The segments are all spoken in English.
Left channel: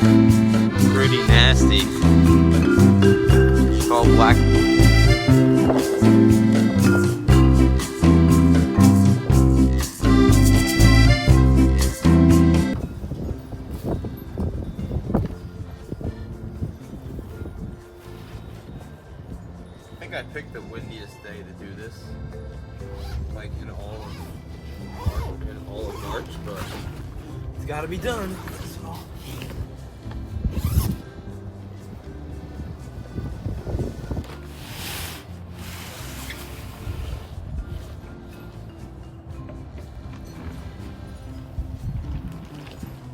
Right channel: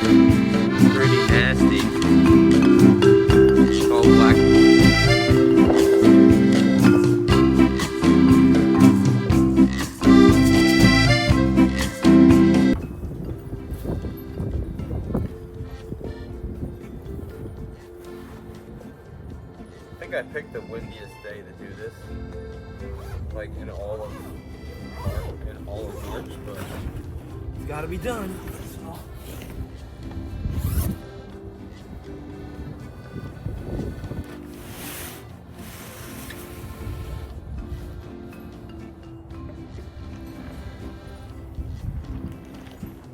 Pretty nasty. It's all black. I think I picked the windiest day to do this, like in all of March, but it's got to be done. So.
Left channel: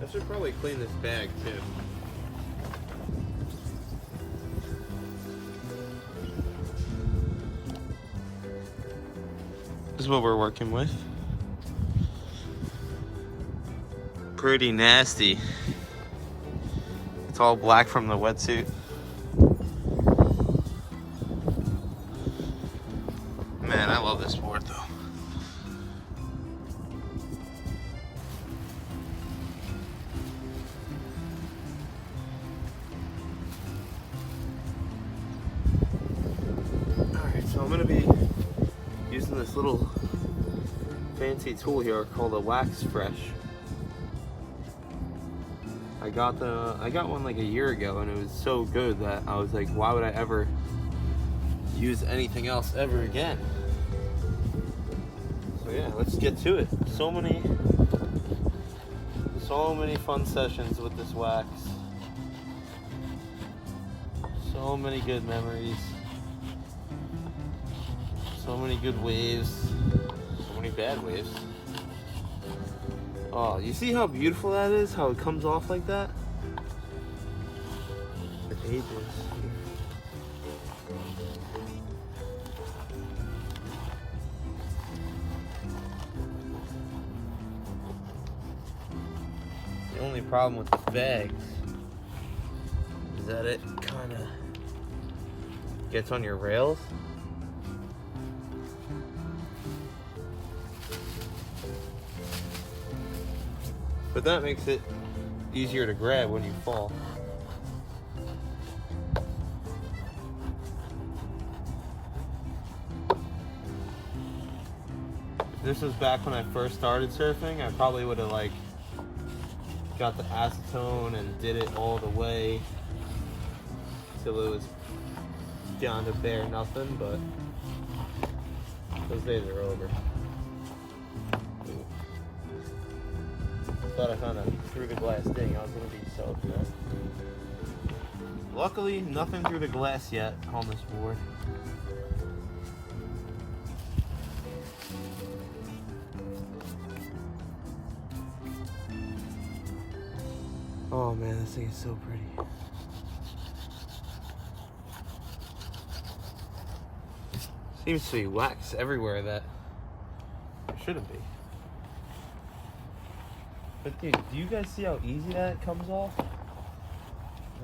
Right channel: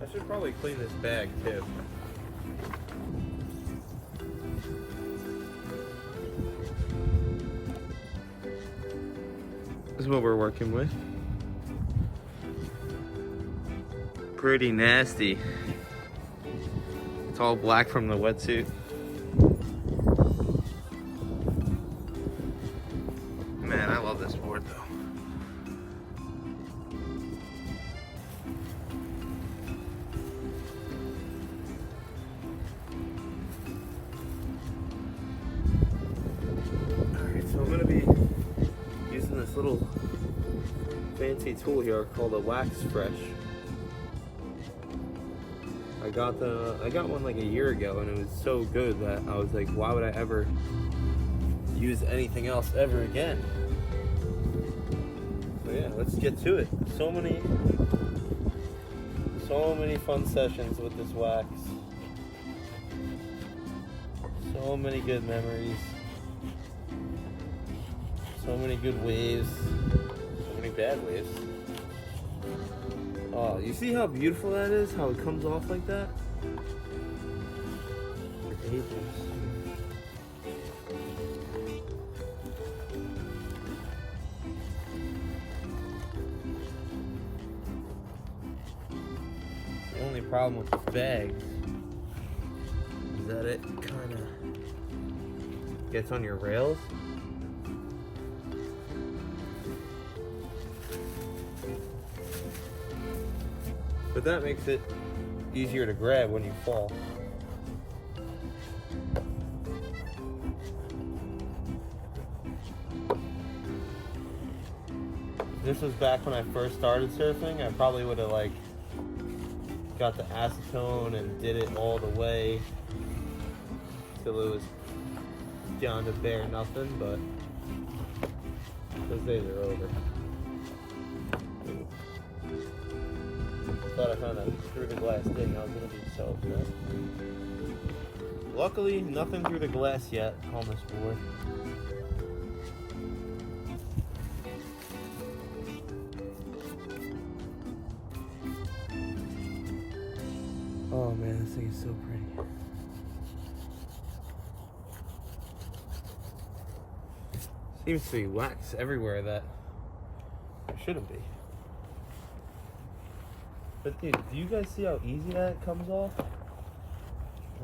I should probably clean this bag too. This is what we're working with. Pretty nasty. It's all black from the wetsuit. Man, I love this board though. Alright, so I'm gonna be using this little fancy tool here called a wax fresh. I got one like a year ago and it was so good that I was like, why would I ever use anything else ever again? So yeah, let's get to it. So many fun sessions with this wax. So many good memories. So many good waves. So many bad waves. Oh, you see how beautiful that is? How it comes off like that? It's ageless. The only problem with the bags is that it kind of gets on your rails. But that makes it easier to grab when you fall. If this was back when I first started surfing, I probably would have like got the acetone and did it all the way till it was down to bare nothing, but those days are over. Thought I found a through the glass ding. I was gonna be so upset. Luckily, nothing through the glass yet on this board. Oh man, this thing is so pretty. Seems to be wax everywhere that there shouldn't be. But dude, do you guys see how easy that comes off?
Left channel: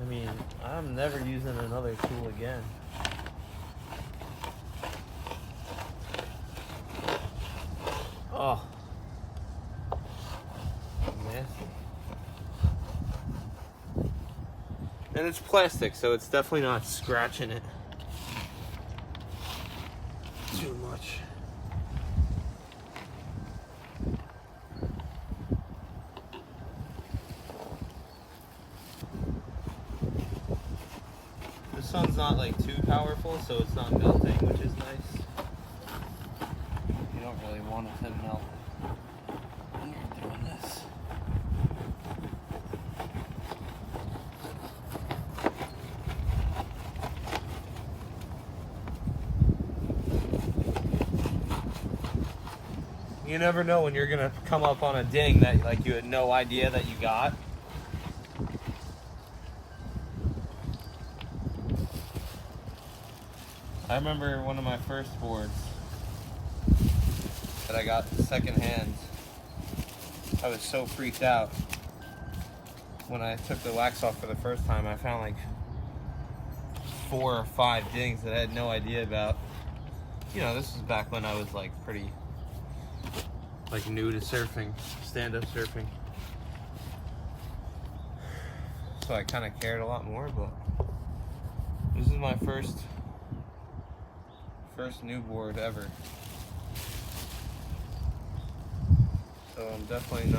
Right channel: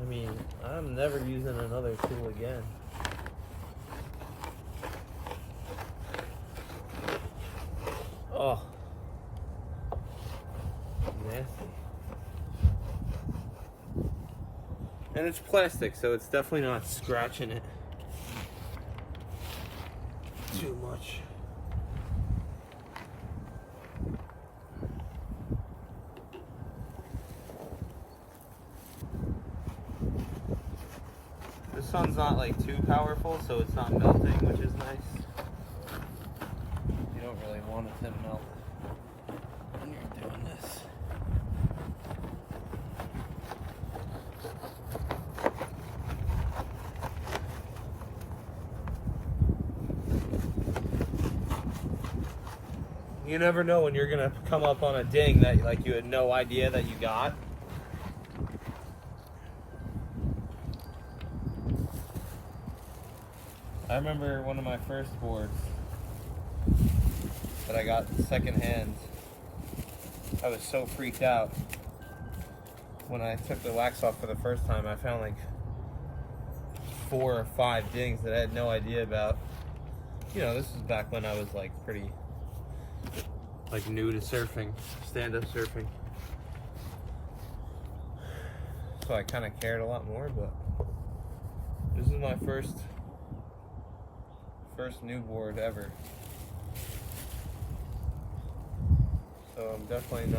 I mean, I'm never using another tool again. Oh. Nasty. And it's plastic, so it's definitely not scratching it too much. The sun's not like too powerful, so it's not melting, which is nice. You don't really want it to melt when you're doing this. You never know when you're gonna come up on a ding that like you had no idea that you got. I remember one of my first boards that I got secondhand. I was so freaked out when I took the wax off for the first time. I found like 4 or 5 dings that I had no idea about. You know, this was back when I was like pretty like new to surfing, stand-up surfing. so I kind of cared a lot more. But this is my first new board ever, so I'm definitely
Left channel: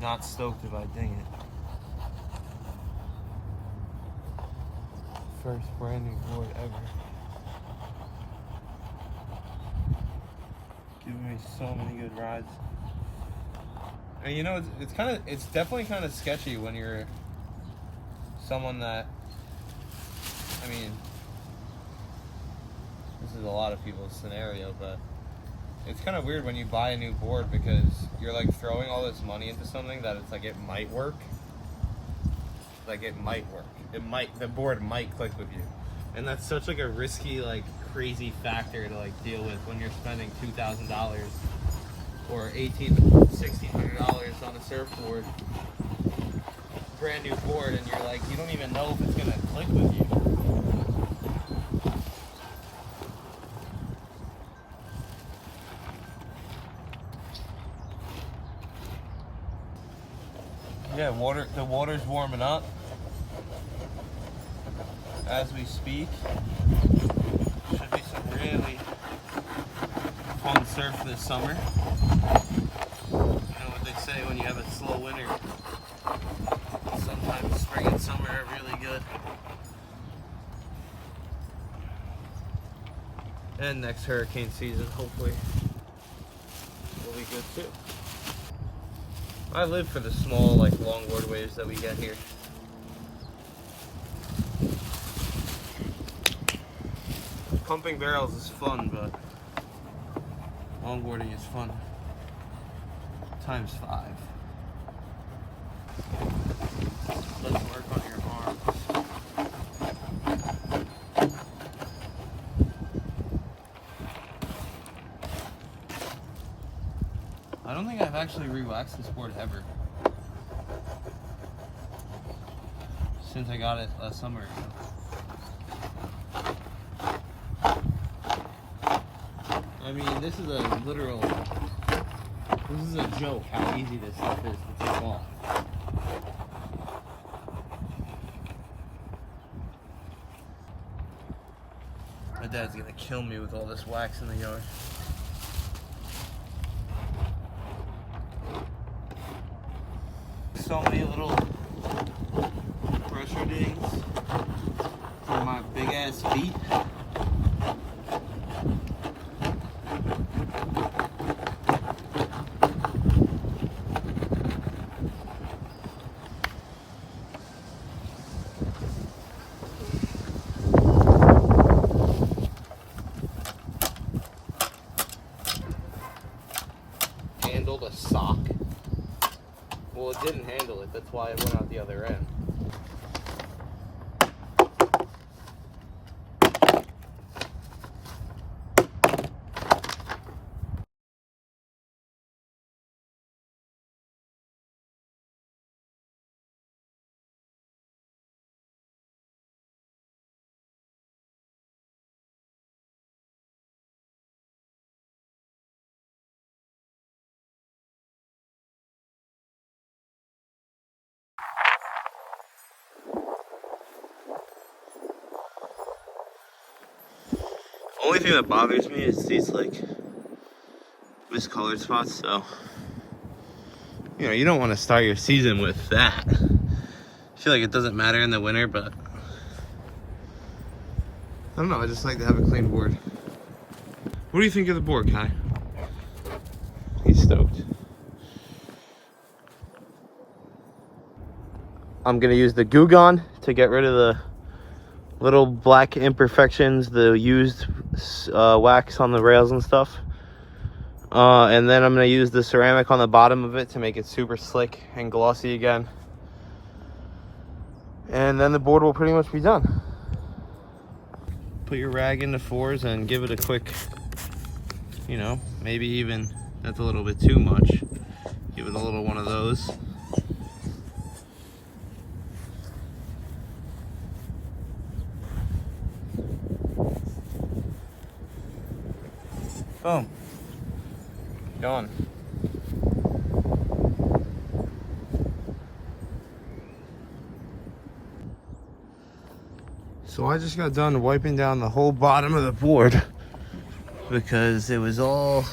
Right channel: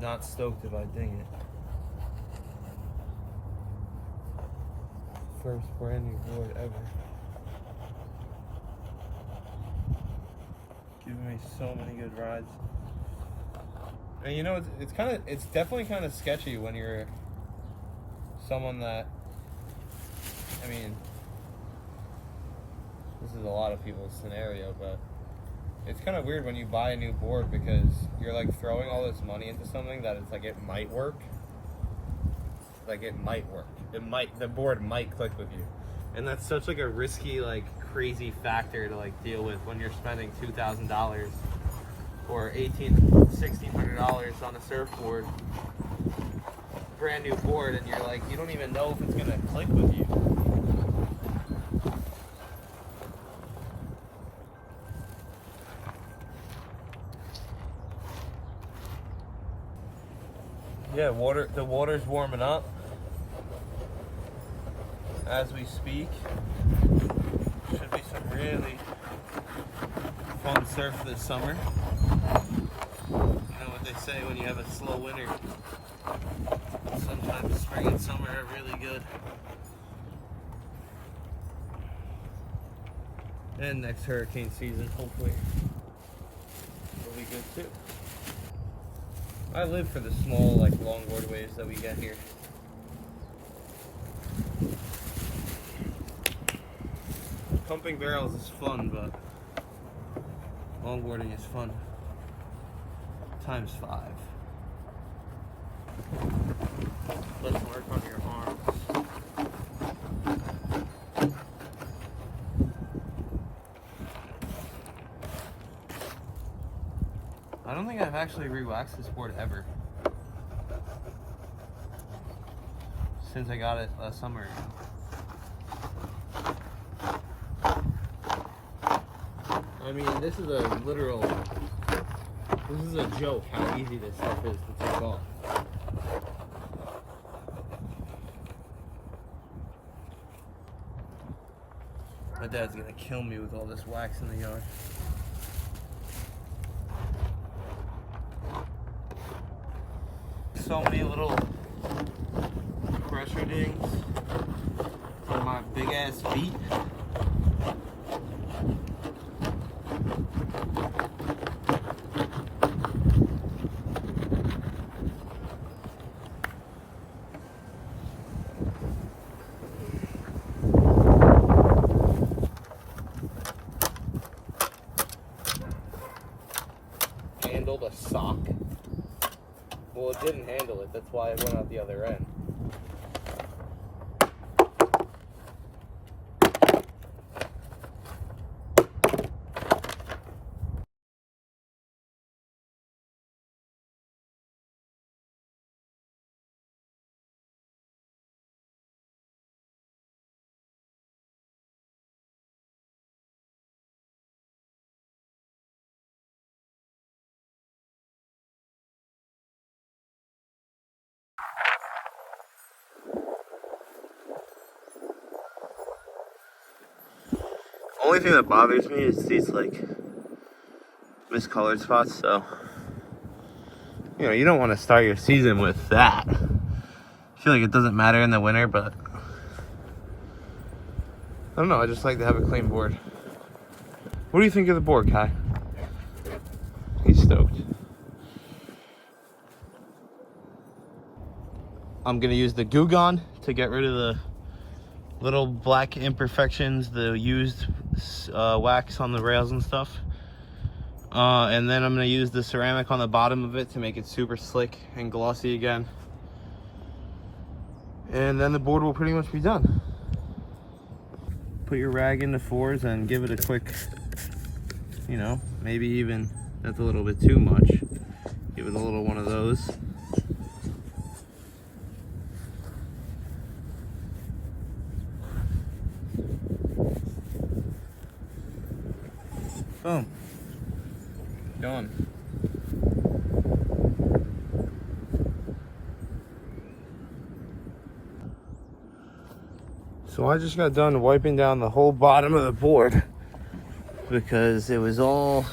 not stoked if I ding it. First brand new board ever. Giving me so many good rides. And you know, it's definitely kind of sketchy when you're someone that, I mean, this is a lot of people's scenario, but it's kind of weird when you buy a new board because you're like throwing all this money into something that it's like it might work. Like it might work. The board might click with you. And that's such like a risky, like crazy factor to like deal with when you're spending $2,000 or $1,600 on a surfboard, brand new board, and you're like, you don't even know if it's gonna click with you. Yeah, the water's warming up as we speak. Should be some really fun surf this summer. You know what they say, when you have a slow winter, sometimes spring and summer are really good. And next hurricane season, hopefully, will be good too. I live for the small, like, longboard waves that we get here. Pumping barrels is fun, but longboarding is fun times 5. Let's work on your arms. I don't think I've actually re-waxed this board ever since I got it last summer. I mean, this is a joke how easy this stuff is to take off. My dad's gonna kill me with all this wax in the yard. So many little pressure dings for my big ass feet. Handled a sock. Well, it didn't handle it, that's why it went out the other end. Only thing that bothers me is these like miscolored spots, so you know, you don't want to start your season with that. I feel like it doesn't matter in the winter, but I don't know, I just like to have a clean board. What do you think of the board, Kai? He's stoked. I'm gonna use the Goo Gone to get rid of the little black imperfections, the used wax on the rails and stuff. And then I'm gonna use the ceramic on the bottom of it to make it super slick and glossy again. And then the board will pretty much be done. Put your rag into 4s and give it a quick, you know, maybe even, that's a little bit too much. Give it a little one of those. Boom. Going. So I just got done wiping down the whole bottom of the board because it was all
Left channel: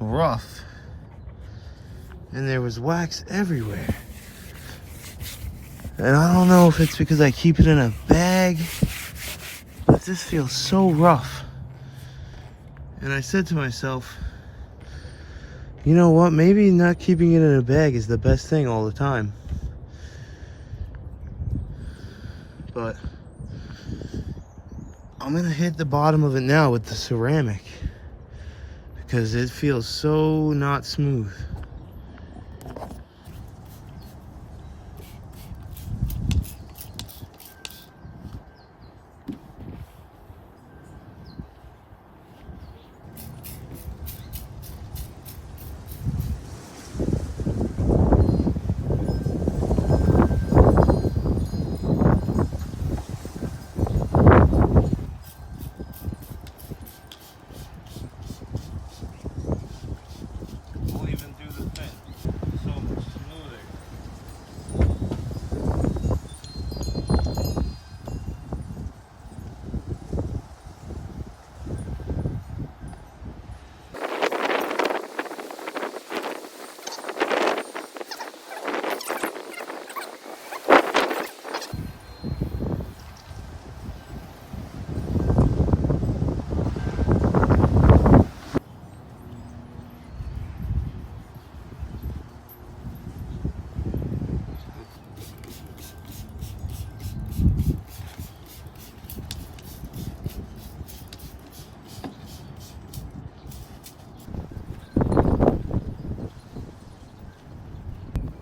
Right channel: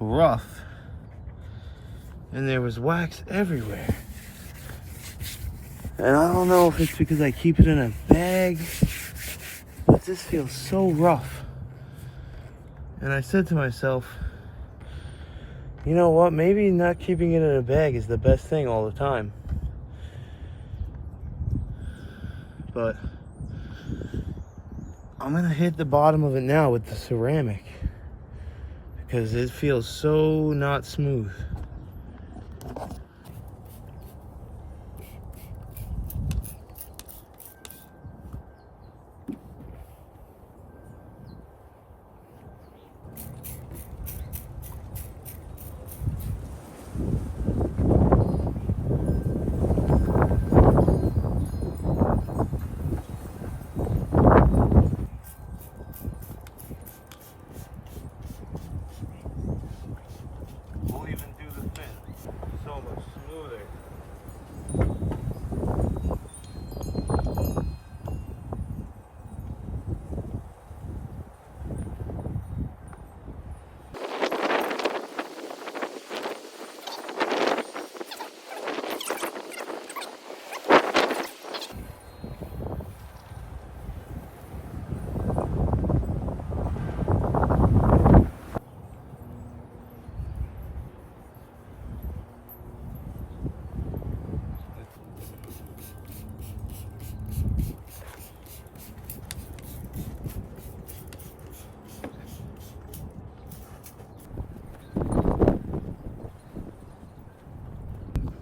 rough and there was wax everywhere. And I don't know if it's because I keep it in a bag, but this feels so rough. And I said to myself, you know what, maybe not keeping it in a bag is the best thing all the time. But I'm gonna hit the bottom of it now with the ceramic because it feels so not smooth.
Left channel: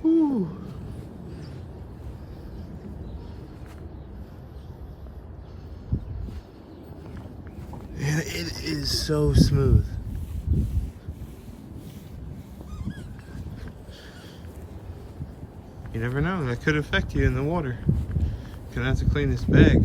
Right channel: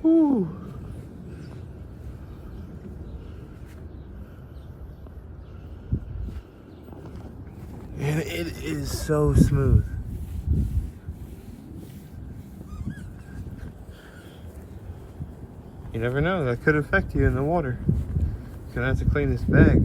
Whew. And it is so smooth. You never know, that could affect you in the water. Gonna have to clean this bag.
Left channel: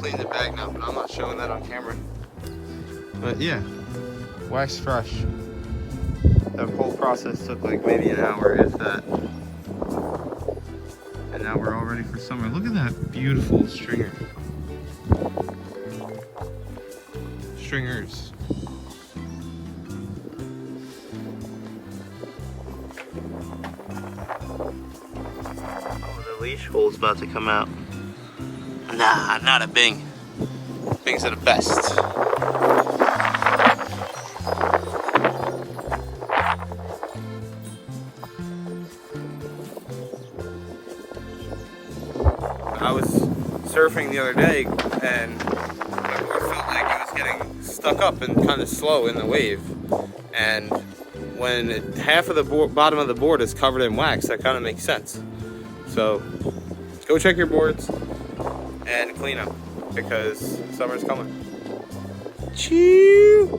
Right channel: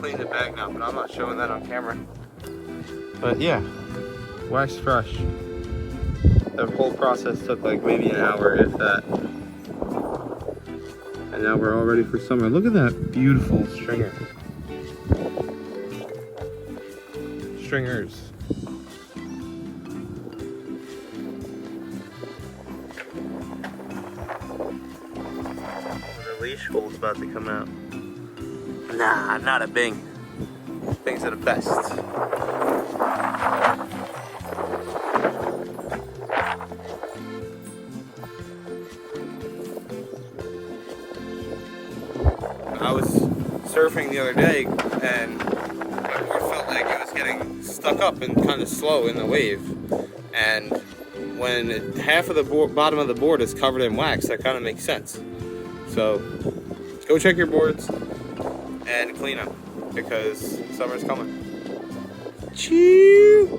Clean the bag now, but I'm not showing that on camera. But yeah, wax fresh. The whole process took like maybe an hour, if that. And now we're all ready for summer. Look at that beautiful stringer. Stringers. Oh, the leash hole's about to come out. Nah, not a Bing. Bings are the best. I was surfing the other day and my board felt like it was getting stuck up and kind of slow in the wave. And when half of the bottom of the board is covered in wax, that kind of makes sense. So go check your boards and clean them because summer's coming. Chew!